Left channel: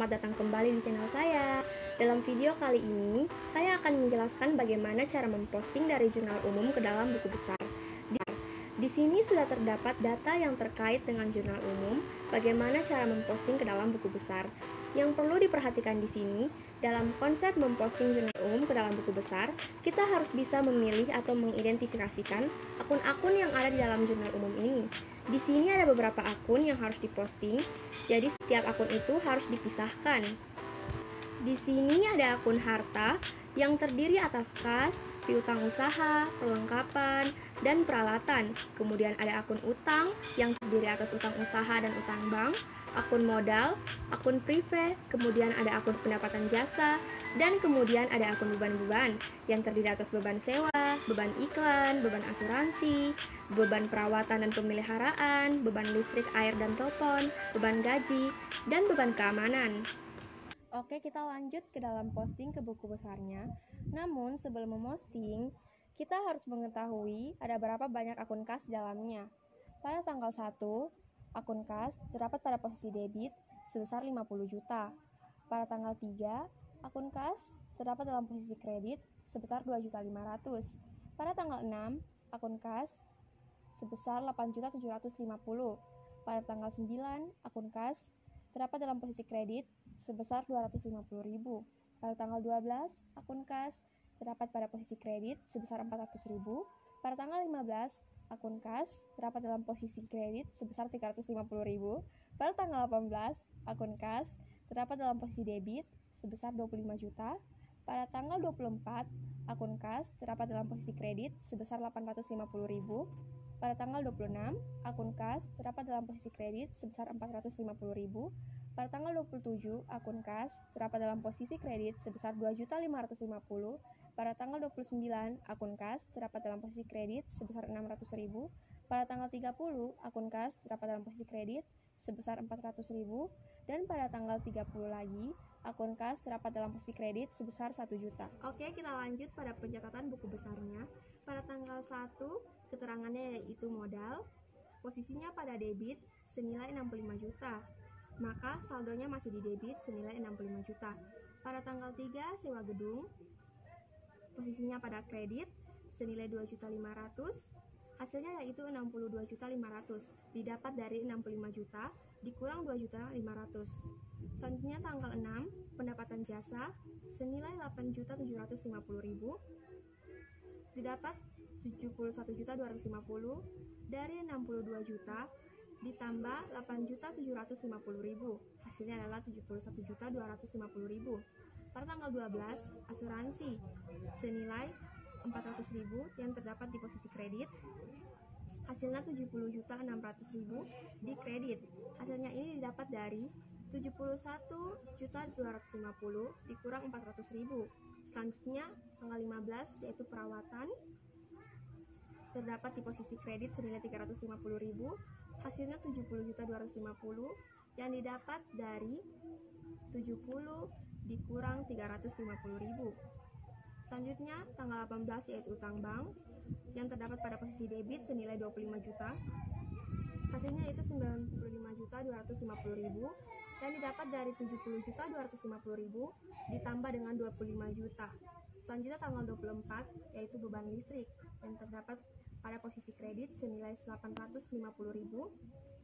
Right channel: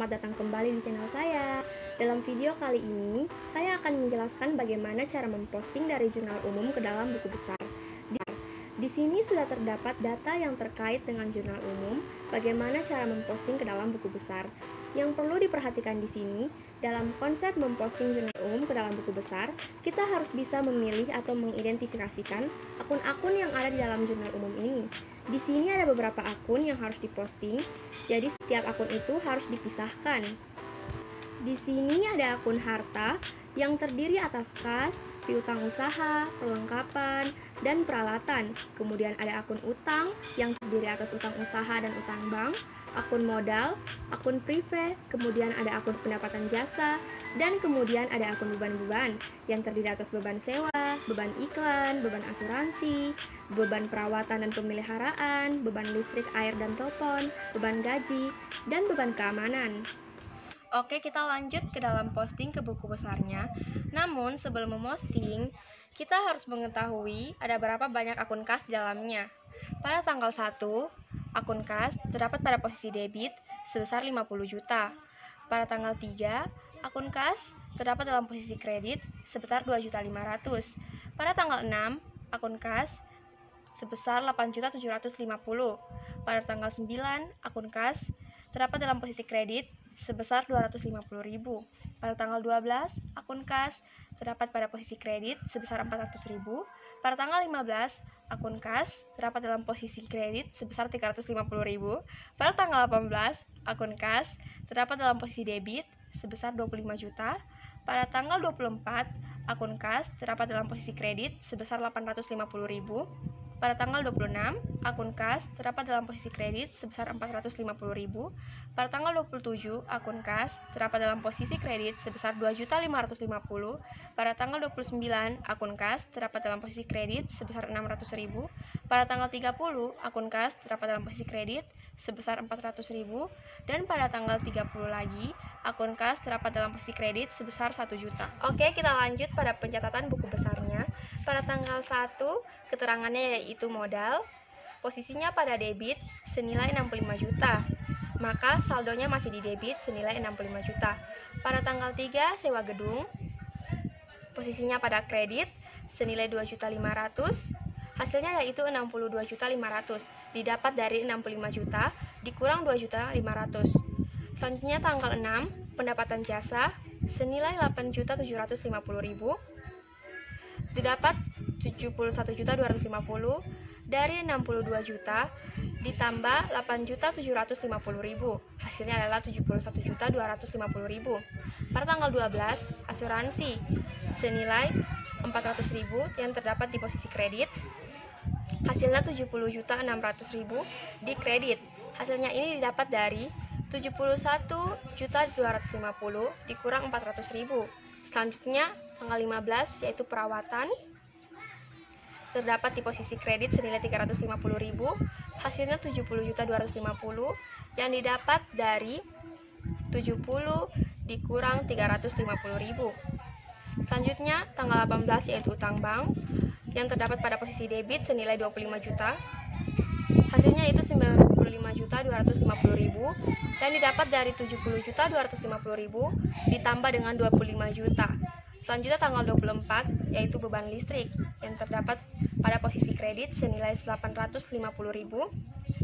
selamat datang kembali di channel saya. Dalam video kali ini, saya akan menjelaskan bagaimana cara memposting dari jurnal umum ke dalam buku besar. Di sini sudah terdapat data yang terkait dengan jurnal umum, bagaimana cara memposting ke dalam buku besar. Yang perlu diperhatikan di sini, dalam konsep memposting jurnal umum ke dalam buku besar, kita harus bisa memilih atau mengidentifikasikan akun-akun yang ada di dalam jurnal umum ini. Di sini ada beberapa akun yang harus diposting, jadi setiap akun itu harus dipisahkan. Di sini ada akun harta yang terdiri atas kas, piutang usaha, perlengkapan, dan peralatan. Kemudian ada akun utang yang terdiri atas utang usaha dan utang bank, akun modal, akun privé, kemudian ada akun pendapatan jasa, dan kemudian ada akun beban-beban yang terdiri atas beban sewa, beban iklan, beban asuransi, beban perawatan dan pemeliharaan, beban listrik, air dan telepon, beban gaji, dan beban keamanan. Oke, kita lanjut ke dalam posting ke buku besarnya. Namun, sebelum memposting, kita harus mengetahui ada berapa banyak akun kas di dalamnya. Pada tanggal 1, akun kas terdapat pada posisi debit sebesar 50 juta. Pada tanggal 3, akun kas terdapat dalam posisi kredit sebesar 2.500.000. Pada tanggal 6, akun kas sebesar 8.750.000. Pada tanggal 9, akun kas terdapat dalam posisi kredit sebesar 250.000. Pada tanggal 12, akun kas terdapat pada posisi kredit sebesar 400.000. Pada tanggal 15, akun kas terdapat dalam posisi kredit sebesar 350.000. Pada tanggal 18, akun kas terdapat dalam posisi debit sebesar 25 juta. Pada tanggal 24, akun kas terdapat dalam posisi kredit sebesar 850.000. Pada tanggal 26, akun kas terdapat dalam posisi kredit sebesar 450.000. Pada tanggal 27, akun kas terdapat dalam posisi kredit sebesar 2.550.000. Pada tanggal 29, akun kas terdapat dalam posisi kredit sebesar 600.000. Pada tanggal 30, akun kas terdapat dalam posisi kredit sebesar 400.000. Dan pada tanggal 30 lagi, akun kas terdapat dalam posisi kredit sebesar 1 juta. Oke, kita lanjut pada pencatatan buku besarnya. Pada tanggal 1, keterangannya yaitu modal, posisinya pada debit senilai 65 juta, maka saldonya masih di debit senilai 65 juta. Pada tanggal 3, sewa gedung, posisinya pada kredit senilai 2.500.000, hasilnya yaitu 62.500.000, didapat dari 65 juta dikurang 2.500.000. Selanjutnya tanggal 6, pendapatan jasa senilai 8.750.000, didapat 71.250.000 dari 62 juta ditambah 8.750.000, hasilnya adalah 71.250.000. Pada tanggal 12, asuransi senilai 400.000 yang terdapat di posisi kredit, hasilnya 70.600.000 di kredit. Hasilnya ini didapat dari 71.250.000 dikurang 400.000. Selanjutnya tanggal 15 yaitu perawatan, terdapat di posisi kredit senilai 350.000, hasilnya 70.250.000 yang didapat dari 70 dikurang 350.000. Selanjutnya tanggal 18 yaitu utang bank yang terdapat pada posisi debit senilai 25 juta, hasilnya itu 95.250.000 dan didapat dari 70.250.000 ditambah dengan 25 juta. Selanjutnya tanggal 24 yaitu beban listrik yang terdapat pada posisi kredit senilai 850.000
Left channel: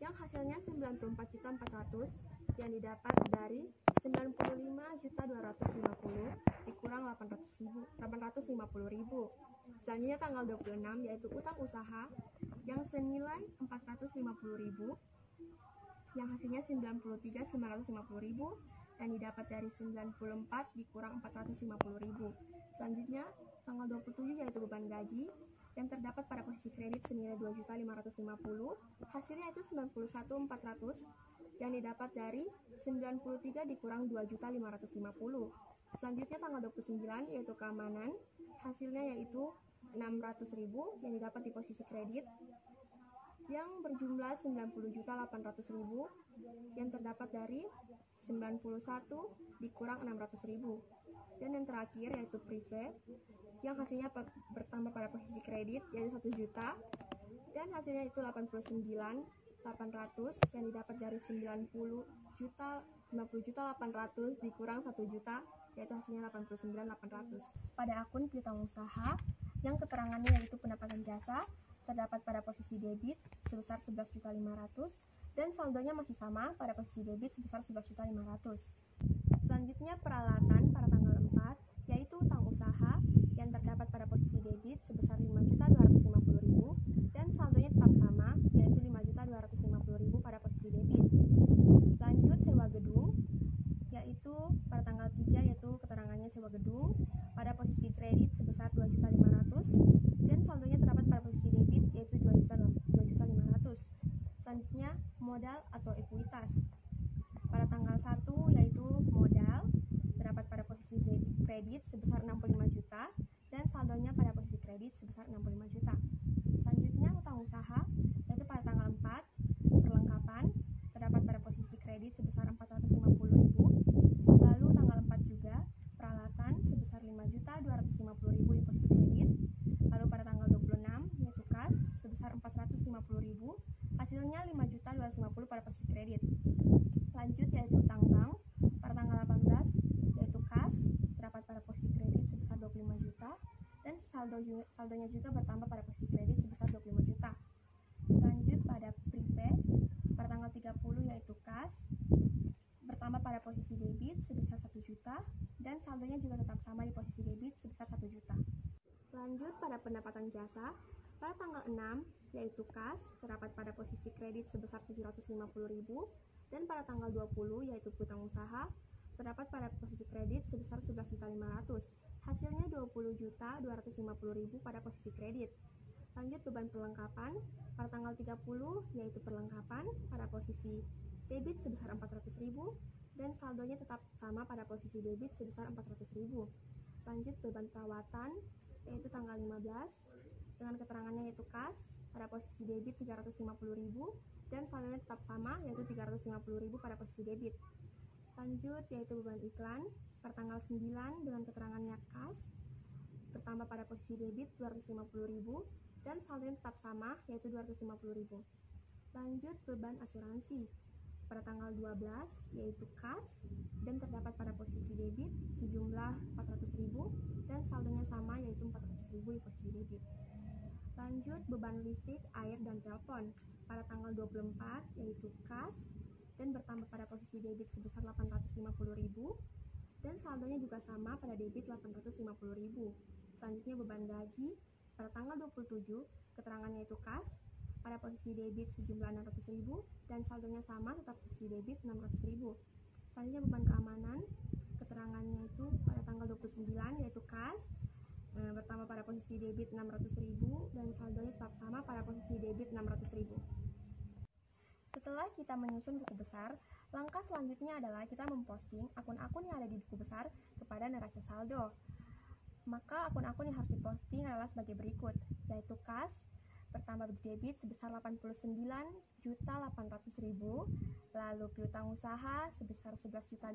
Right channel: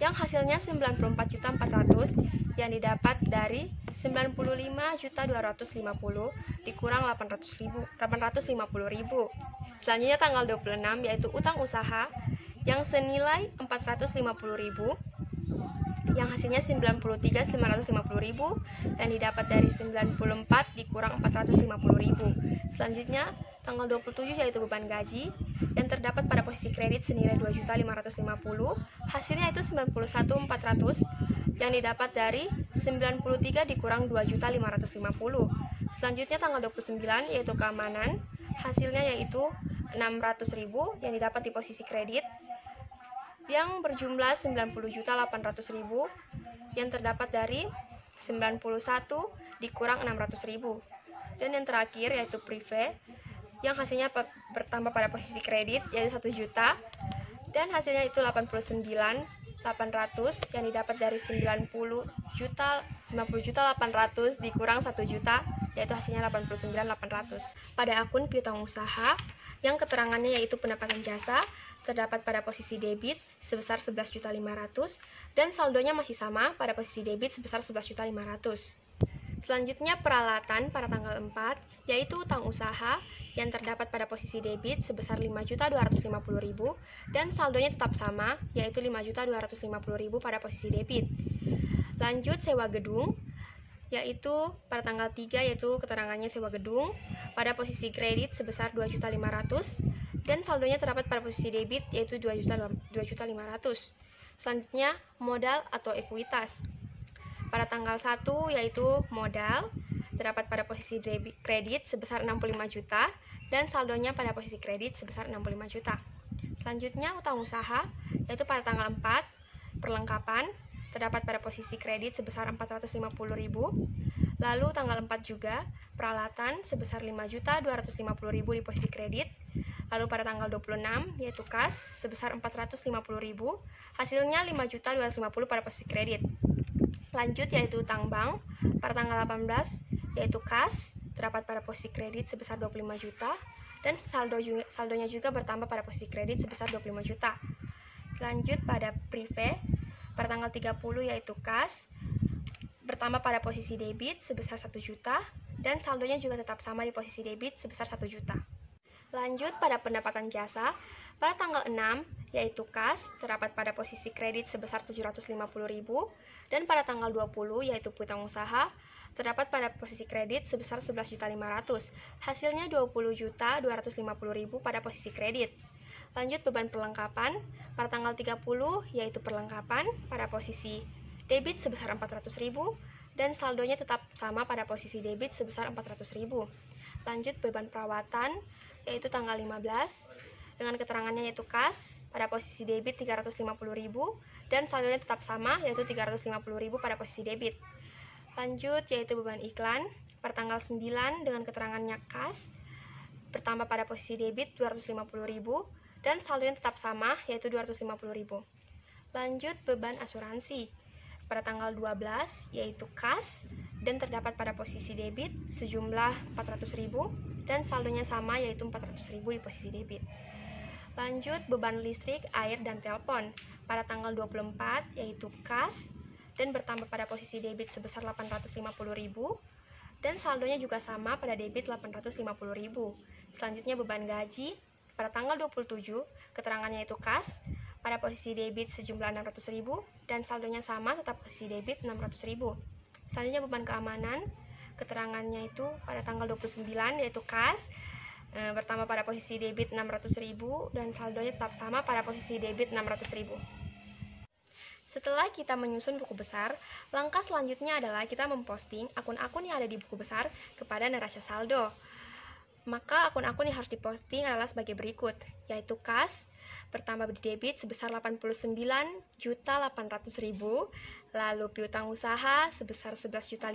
yang hasilnya 94.400.000 yang didapat dari 95.250.000 dikurang 850.000. Selanjutnya tanggal 26 yaitu utang usaha yang senilai 450.000 yang hasilnya 93.950.000 yang didapat dari 94 dikurang 450.000. Selanjutnya tanggal 27 yaitu beban gaji yang terdapat pada posisi kredit senilai 2.550.000, hasilnya itu 91.400 yang didapat dari 93 dikurang 2.550.000. Selanjutnya tanggal 29 yaitu keamanan, hasilnya yaitu 600.000 yang didapat di posisi kredit yang berjumlah 90.800.000 yang terdapat dari 91 dikurang 600.000. Dan yang terakhir yaitu privé yang hasilnya bertambah pada posisi kredit yaitu 1 juta dan hasilnya itu 89 yang didapat dari 90.800 dikurang 1 juta, yaitu hasilnya 89.800. Pada akun piutang usaha yang keterangannya yaitu pendapatan jasa terdapat pada posisi debit sebesar 11.500.000 dan saldonya masih sama pada posisi debit sebesar 11.500.000. Selanjutnya peralatan pada tanggal 4 yaitu utang usaha yang terdapat pada posisi debit sebesar 5.250.000 dan saldonya tetap sama yaitu 5.250.000 pada posisi debit. Lanjut sewa gedung yaitu pada tanggal 3 yaitu keterangannya sewa gedung pada posisi kredit sebesar 2.500.000 dan saldonya terdapat pada posisi debit yaitu 2.500.000. Selanjutnya modal atau ekuitas. Pada tanggal 1 yaitu modal terdapat pada posisi kredit sebesar 65 juta dan saldonya pada posisi kredit sebesar 65 juta. Selanjutnya utang usaha yaitu pada tanggal 4 perlengkapan terdapat pada posisi kredit sebesar 450.000. Lalu tanggal 4 juga peralatan sebesar 5.250.000 di posisi kredit. Lalu pada tanggal 26 yaitu kas sebesar 450.000, hasilnya 5.250 pada posisi kredit. Lanjut yaitu utang bank pada tanggal 18 yaitu kas terdapat pada posisi kredit sebesar 25 juta dan saldonya juga bertambah pada posisi kredit sebesar 25 juta. Lanjut pada prive pada tanggal 30 yaitu kas bertambah pada posisi debit sebesar 1 juta dan saldonya juga tetap sama di posisi debit sebesar 1 juta. Lanjut pada pendapatan jasa pada tanggal 6 yaitu kas terdapat pada posisi kredit sebesar 750.000 dan pada tanggal 20 yaitu piutang usaha terdapat pada posisi kredit sebesar 11.500.000, hasilnya 20.250.000 pada posisi kredit. Lanjut beban perlengkapan pada tanggal 30 yaitu perlengkapan pada posisi debit sebesar 400.000 dan saldonya tetap sama pada posisi debit sebesar 400.000. Lanjut beban perawatan yaitu tanggal 15 dengan keterangannya yaitu kas pada posisi debit 350.000 dan saldonya tetap sama yaitu 350.000 pada posisi debit. Lanjut yaitu beban iklan pada tanggal 9 dengan keterangannya kas bertambah pada posisi debit 250.000 dan saldonya tetap sama yaitu 250.000. Lanjut beban asuransi pada tanggal 12 yaitu kas dan terdapat pada posisi debit sejumlah 400.000 dan saldonya sama yaitu 400.000 di posisi debit. Lanjut beban listrik, air, dan telepon pada tanggal 24 yaitu kas dan bertambah pada posisi debit sebesar 850.000 dan saldonya juga sama pada debit 850.000. Selanjutnya beban gaji pada tanggal 27 keterangannya itu kas pada posisi debit sejumlah 600.000 dan saldonya sama tetap posisi debit 600.000. Selanjutnya beban keamanan keterangannya itu pada tanggal 29 yaitu kas bertambah pada posisi debit 600.000 dan saldonya tetap sama pada posisi debit 600.000. Setelah kita menyusun buku besar, langkah selanjutnya adalah kita memposting akun-akun yang ada di buku besar kepada neraca saldo. Maka akun-akun yang harus diposting adalah sebagai berikut, yaitu kas bertambah di debit sebesar 89.800.000, lalu piutang usaha sebesar 11.500.000,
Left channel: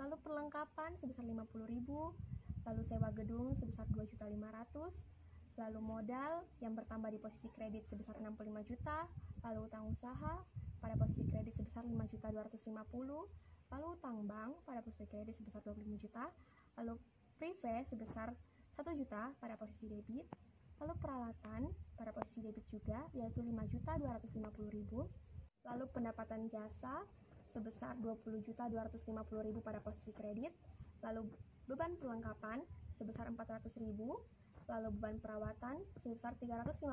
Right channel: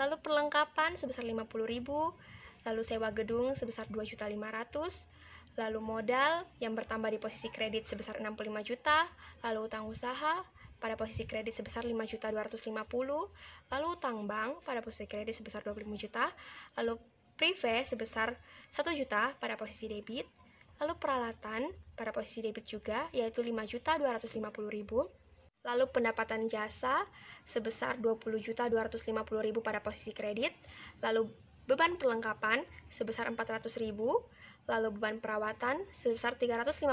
lalu perlengkapan sebesar 50.000, lalu sewa gedung sebesar 2.500.000, lalu modal yang bertambah di posisi kredit sebesar 65 juta, lalu utang usaha pada posisi kredit sebesar 5.250.000, lalu utang bank pada posisi kredit sebesar 25 juta, lalu prive sebesar 1 juta pada posisi debit, lalu peralatan pada posisi debit juga yaitu 5.250.000, lalu pendapatan jasa sebesar 20.250.000 pada posisi kredit, lalu beban perlengkapan sebesar 400.000, lalu beban perawatan sebesar 350.000,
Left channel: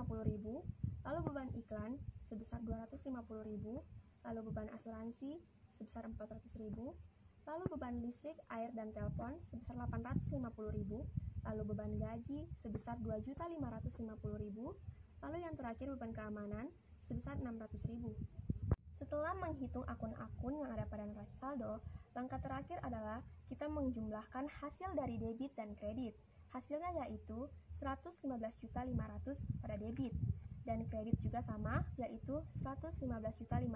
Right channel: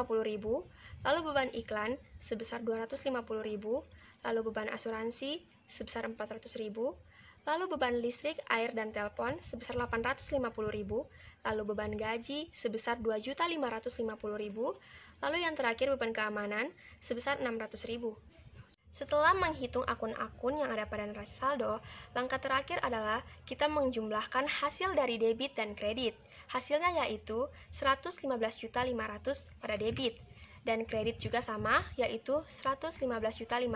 lalu beban iklan sebesar 250.000, lalu beban asuransi sebesar 400.000, lalu beban listrik, air, dan telepon sebesar 850.000, lalu beban gaji sebesar 2.550.000, lalu yang terakhir beban keamanan sebesar 600.000. Setelah menghitung akun-akun yang ada pada neraca saldo, langkah terakhir adalah kita menjumlahkan hasil dari debit dan kredit. Hasilnya yaitu 115.500.000 pada debit dan kredit juga sama yaitu 115.500.000.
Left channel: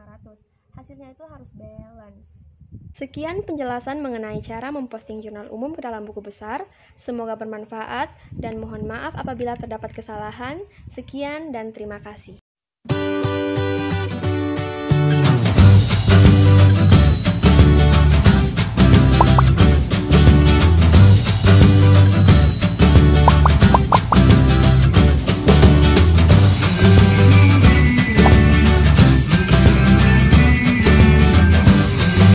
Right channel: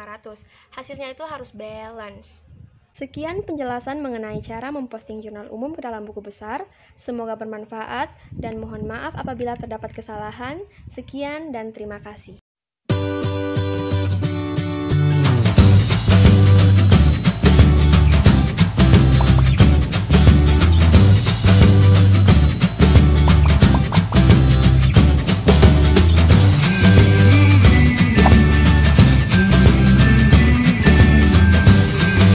Hasilnya itu harus balance. Sekian penjelasan mengenai cara memposting jurnal umum ke dalam buku besar. Semoga bermanfaat dan mohon maaf apabila terdapat kesalahan. Sekian dan terima kasih.